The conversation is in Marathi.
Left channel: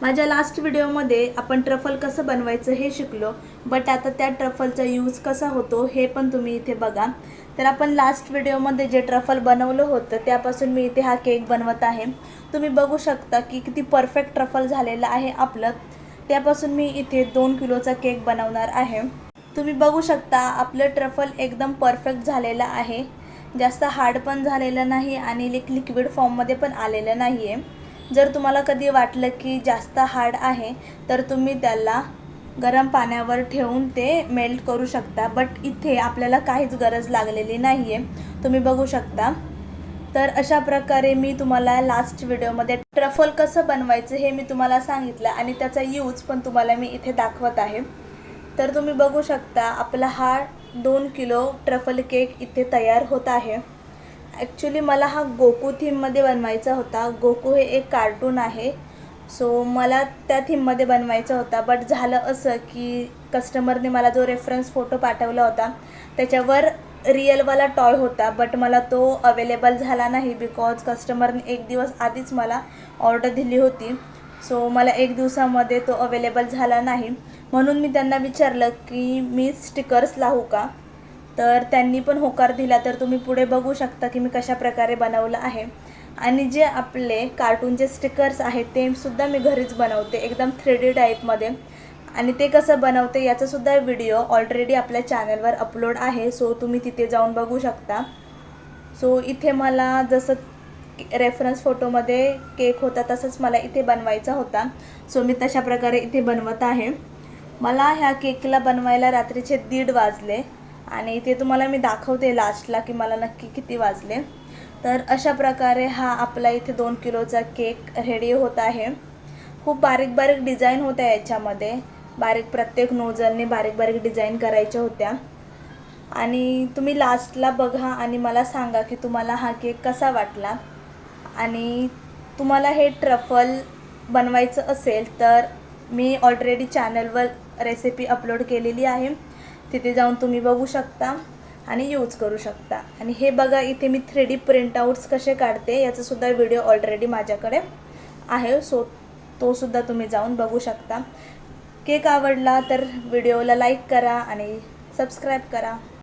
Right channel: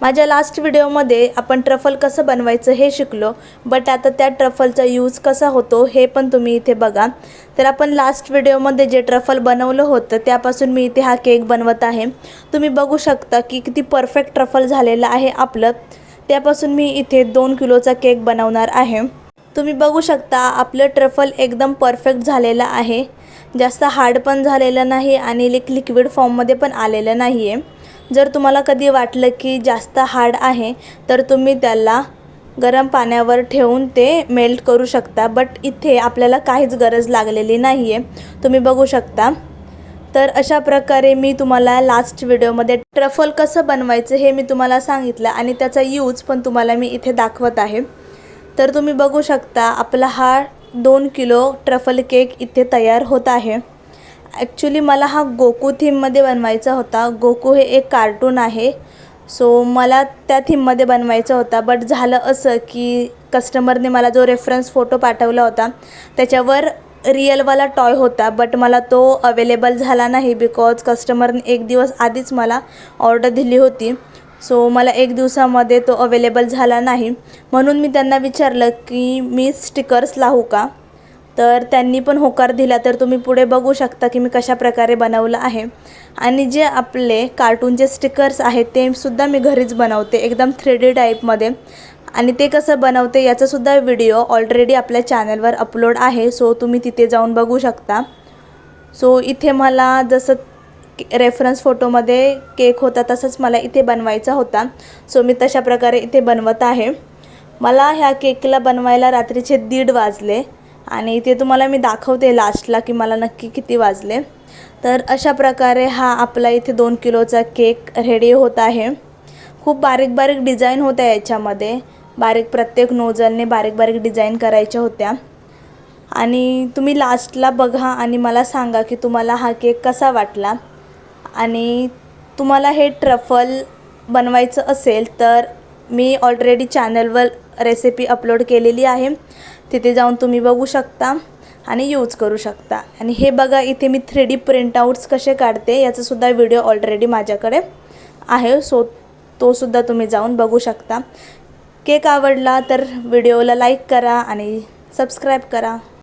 माझ्या लास्ट व्हिडिओमध्ये आपण ट्रफल कसं बनवायचं हे शिकलो, बट आता त्या ट्रफलचा यूज कसा होतो हे पण तुम्ही इथे बघा। तर आपण लास्ट व्हिडिओमध्ये जे ट्रफल बनवलं होतं त्यापासून मी इथे हा केक बनवत आहे। तुम्ही बघू शकता की किती परफेक्ट ट्रफल झालेलं आहे आपलं। त्यापासून मी इथे 2 किलोचा केक बनवणार आहे। तुम्ही बघू शकता आपलं ट्रफल एकदम परफेक्ट झालेलं आहे, जास्त हार्ड पण झालेलं नाही आणि लिक्विड फॉर्ममध्ये पण आलेलं नाही आहे। जर तुम्हाला कधी वाटलं की जास्त हार्ड आहे तर तुम्ही त्याला गरम पाण्यावर ठेवून ते मेल्ट करू शकता, बट इथे आपल्याला काहीच गरज लागलेली नाही आहे। तुम्ही बघू शकता। तर अशा प्रकारे मी तुम्हाला लास्ट व्हिडिओमध्ये ट्रफल कसं बनवायचं हे मी तुम्हाला सांगितलं आणि त्याचा यूज पण तुम्हाला मी इथे दाखवत आहे। तर तुम्ही बघू शकता आपला हा 2 किलो ट्रफल केक इथे तयार होत आहे। ॲक्च्युली मला हा गोकू थीममध्ये बनवायचा होता। गोकू हे एक कार्टून आहे, सो मला त्या थीममध्ये बनवायचा होता, बट झालं असं की कस्टमरने मला जो रेफरन्स फोटो पाठवला होता त्याच्यावर रिअलवाला टॉय होता, बट मला तो अवेलेबल झाला नाही बिकॉज कस्टमरने 1 दिवस आधीच मला ऑर्डर दिली होती। सो मला 1 दिवसामध्ये तो अवेलेबल झाला नाही, म्हणून मी त्यांना विचारलं की मी स्टिकर्स लावू का, तर त्यांनी पण होकार दिला। तर तुम्ही पुढे बघू शकता की मी कशा प्रकारे बनवलं आहे। आणि जे आपले कार्टूनचे स्टिकर्स आहेत ते सुद्धा मी घरीच बनवते एकदम 3D टाईपमध्ये, आणि ते कसं बनवते याचासुद्धा व्हिडिओ ऑलरेडी आपल्या चॅनलवर अपलोड आहे, सो तुम्ही तिथे जाऊन बघू शकता। सो इथे मला जसं रेफरन्स फोटोमध्ये केक होता तसंच मला इथे बनवायचा होता, सो मी तशा प्रकारे इथे बनवत आहे। मला ह्या केकला बनवायला रात्रीचे 1:30 वाजले आणि इथे तुम्हाला मी दाखवते लास्टला की मला नक्की किती वाजले। तर अशा प्रकारे हा आपला इथे 2 किलोचा केक रेडी होत आहे। खूप बारीक बारीक डिझाईन होत्या याच्यामध्ये, प्रत्येक नोझलने बारीक बारीक डिझाईन करायच्या होत्या। आणि तुम्ही लास्टला बघा आणि मला सांगा की तुम्हाला हा केक कसा वाटला। आणि तुम्हाला हे ट्रफल बनवायचं असेल तर मी ऑलरेडी चॅनलवर रेसिपी अपलोड केलेली आहे, तिथे जाऊन तुम्ही बघू शकता आणि यूज करू शकता। आणि हे बघा इथे मी 3D प्रिंटआउट्स कसे काढते याचासुद्धा व्हिडिओ ऑलरेडी माझ्याकडे आहे, सो तोसुद्धा तुम्ही जाऊन बघू शकता। केक आवडला तर व्हिडिओला लाईक करा आणि सबस्क्राईब करा।